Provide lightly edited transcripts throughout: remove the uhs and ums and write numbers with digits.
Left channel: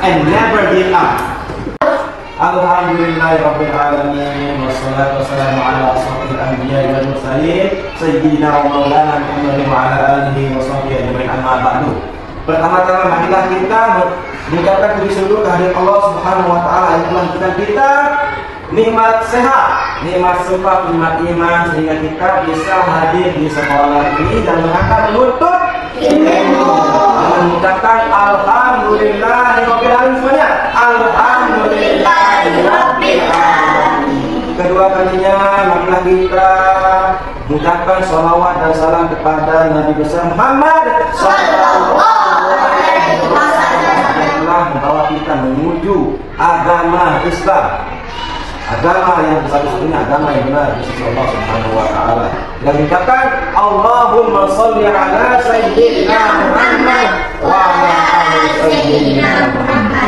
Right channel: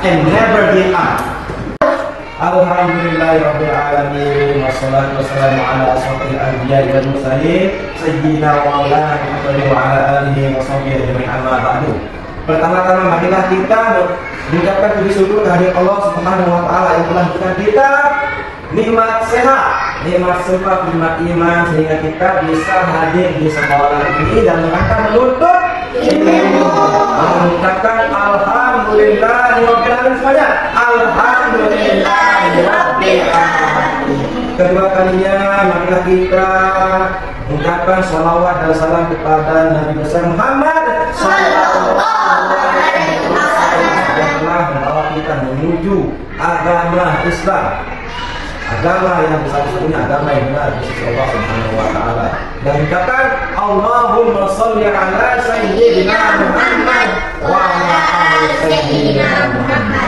and never give up. Alhamdulillahirabbil alamin, wassalatu wassalamu ala asyrofil anbiya'i wal mursalin sayyidina wa maulana Muhammadin wa ala alihi wa sahbihi ajma'in, amma ba'du. Pertama-tama marilah kita mengucapkan puji syukur kehadirat Allah Subhanahu wa taala yang telah memberikan kita nikmat sehat, nikmat sumpah, nikmat iman sehingga kita bisa hadir di sekolah ini dan menuntut ilmu. Mengucapkan alhamdulillahirabbil alamin semuanya. Alhamdulillahirabbil alamin. Kedua kalinya marilah kita mengucapkan sholawat dan salam kepada Nabi besar Muhammad sallallahu alaihi wasallam yang telah membawa kita menuju agama Islam. Agama yang satu-satunya agama yang benar di sisi Allah Subhanahu wa taala. Dan mengucapkan Allahumma shalli ala sayyidina Muhammad wa ala ali sayyidina Muhammad.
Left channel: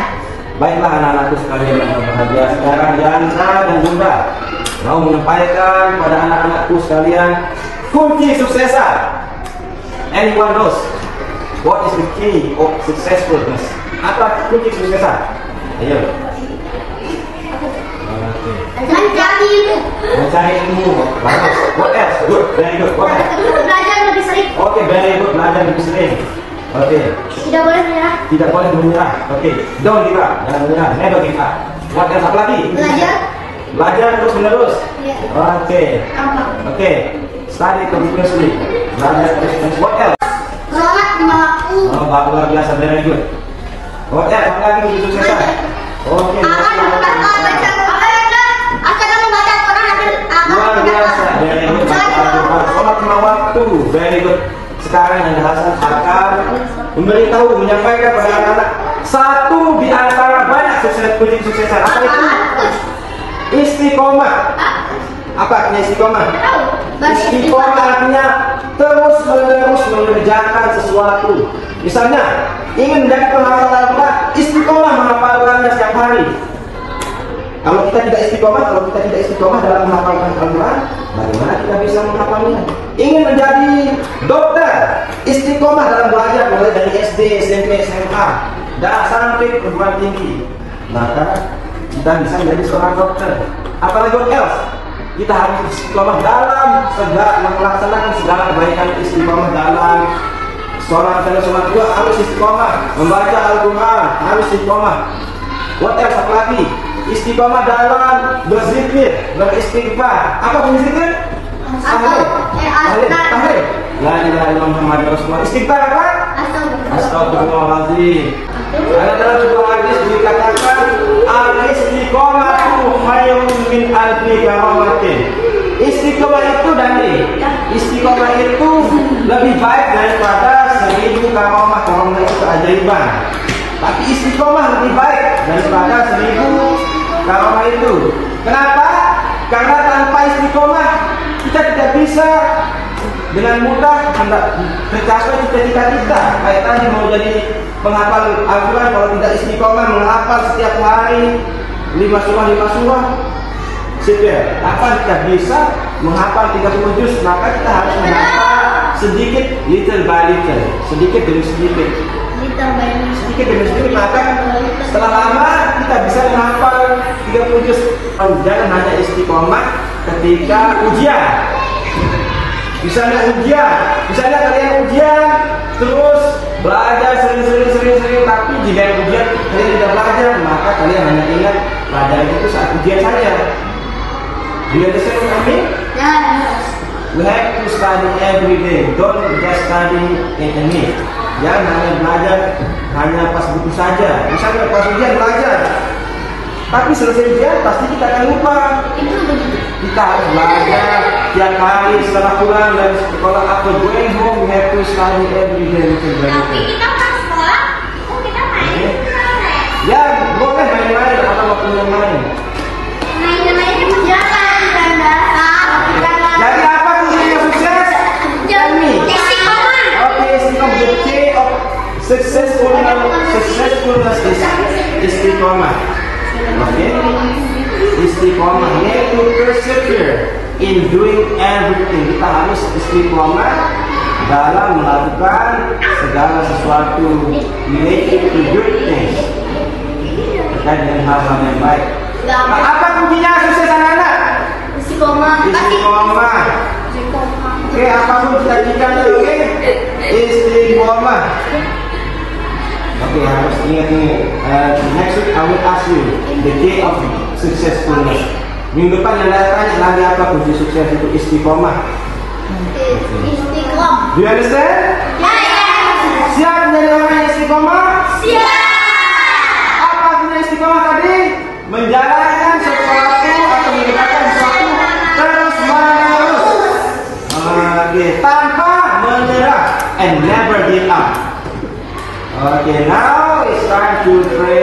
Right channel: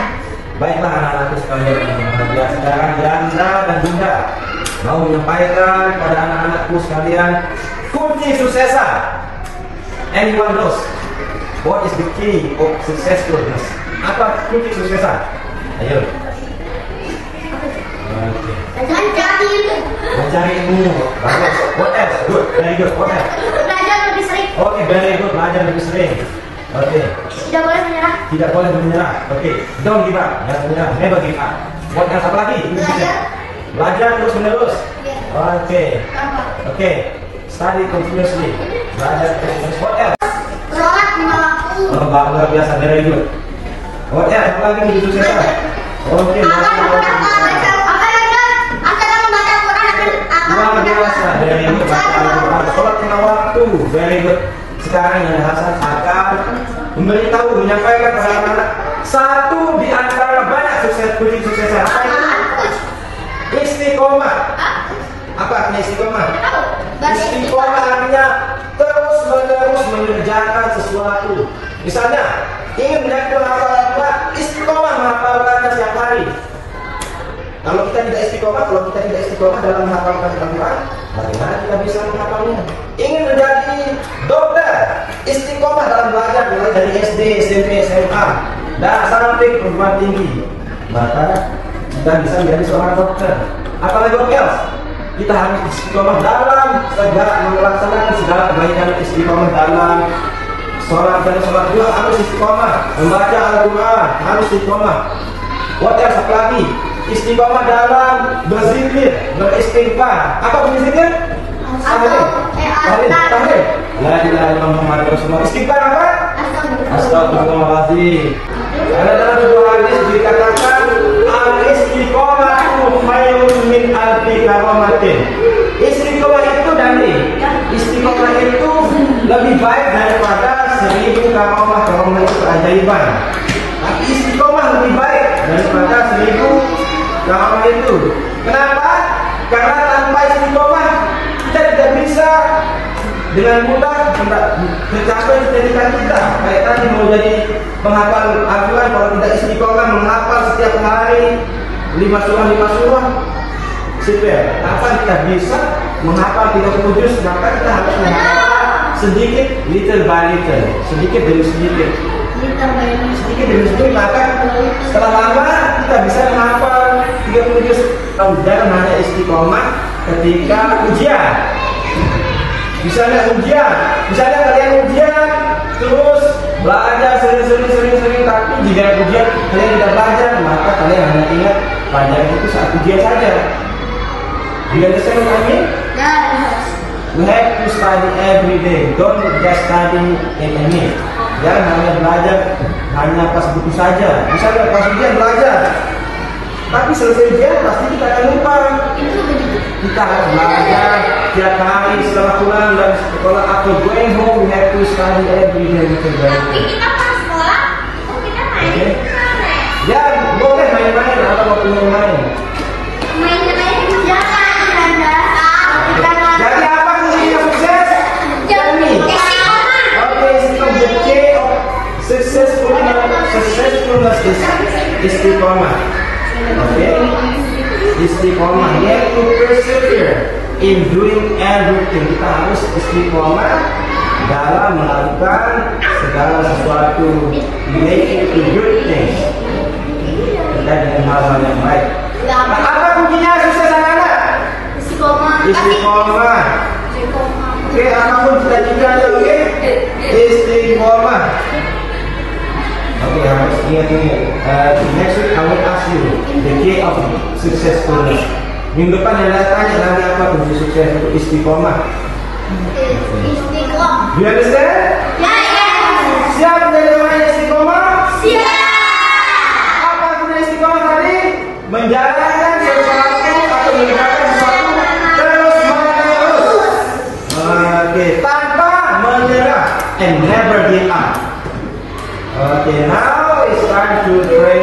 Baiklah anak-anakku sekalian yang berbahagia, sekarang Janda dan Bunda mau menyampaikan pada anak-anakku sekalian kunci suksesa. Anyone knows what is the key of successfulness? Apa kunci suksesa? Ayo. Mencari ilmu. Bagus. What else? Good. Very good. What else? Belajar lebih sering. Oke, very good. Belajar lebih sering. Oke. Tidak boleh menyerah. Tidak boleh menyerah. Oke. Don't give up. Jangan menyerah. Never give up. What else? Apa lagi? Belajar terus menerus. Oke. Oke. Study continuously. Belajar terus menerus. What else? Sholat lima waktu. Oh, luar biasa. Very good. What else? Apa lagi itu susah? Oke. Luar biasa, very good. Sholat lima waktu, very good. Sekarang yang Hasan akan memberitahu, menyampaikan kepada anak-anak satu di antara banyak kunci sukses. Apa itu? Istiqomah. Apa artinya istiqomah? Istiqomah artinya terus menerus mengerjakan sesuatu. Misalnya ingin menjadi penghafal Al-Quran, istiqomah menghafalkannya setiap hari. Kalau kita tidak istiqomah dalam menghafalkan Al-Quran, bagaimana kita bisa menghafalnya? Ingin menjadi dokter, istiqomah dalam belajar mulai dari SD, SMP, SMA, dan sampai perguruan tinggi, maka kita bisa menjadi seorang dokter. Apalagi what else? Kita harus istiqomah dalam segala melaksanakan segala kebaikan, istiqomah dalam sholat dan sholat dua harus istiqomah, membaca Al-Quran harus istiqomah. What else? Apalagi? Istiqomah dalam berzikir, beristighfar. Apa berzikir? Tahmid. La ilaha illallah Muhammadur Rasulullah. Istighfar apa? Astagfirullahaladzim. Ada dalam sebuah hadis dikatakan al-istiqomatu khairun min alfi karamatin. Istiqomah itu istiqomah itu lebih baik daripada 1000 karamah itu keajaiban. Tapi istiqomah lebih baik daripada 1000 karamah itu. Kenapa? Karena tanpa istiqomah kita tidak bisa dengan mudah mencapai cita-cita kita. Kayak tadi mau jadi penghafal Al-Quran, kalau tidak istiqomah menghafal setiap hari 5 surah, kapan kita bisa menghafal 30 juz? Maka kita harus menghafal sedikit, little by little, sedikit demi sedikit. Sedikit demi sedikit, maka setelah lama kita bisa menghafal 30 juz. Jangan hanya istiqomah ketika ujian. Misalnya kalian ujian terus belajar sering, tapi di dalam ujian kalian tidak belajar, maka kalian hanya ingat pelajaran itu saat ujian saja. Do you understand what I mean? We have to study every day. Don't just study in a minute. Jangan hanya belajar hanya pas buku saja. Misalnya pas ujian belajar, tapi selesai ujian pasti kita akan lupa. Kita harus belajar tiap hari setelah pulang dari sekolah atau going home. We have to study every day. Tapi kita pas sekolah, kita main. Ya boleh main-main atau waktu main. Main-main itu jangan Jadi apa kunci sukses? Successfulness is istiqomah. Istiqomah yaitu persevere in doing everything. Kita harus istiqomah dalam melakukan segala sesuatu, make it to good things. kita dengan hal-hal yang baik. Nah, apa kuncinya sukses anak-anak? Istiqomah. Istiqomah. Oke, apapun cita-citanya, oke? Istiqomah. Oke, harus ingat-ingat. Next week I will ask you the key of successfulness. Minggu depan yang datang lagi apa kunci sukses itu istiqomah. Istiqomah. Do you understand? Siap menjadi orang yang istiqomah? Siap. Apa artinya istiqomah tadi? Menjalankan sesuatu atau mengerjakan sesuatu terus menerus. Oke, tanpa menyerah and never give up. Okay, now it's time to pray.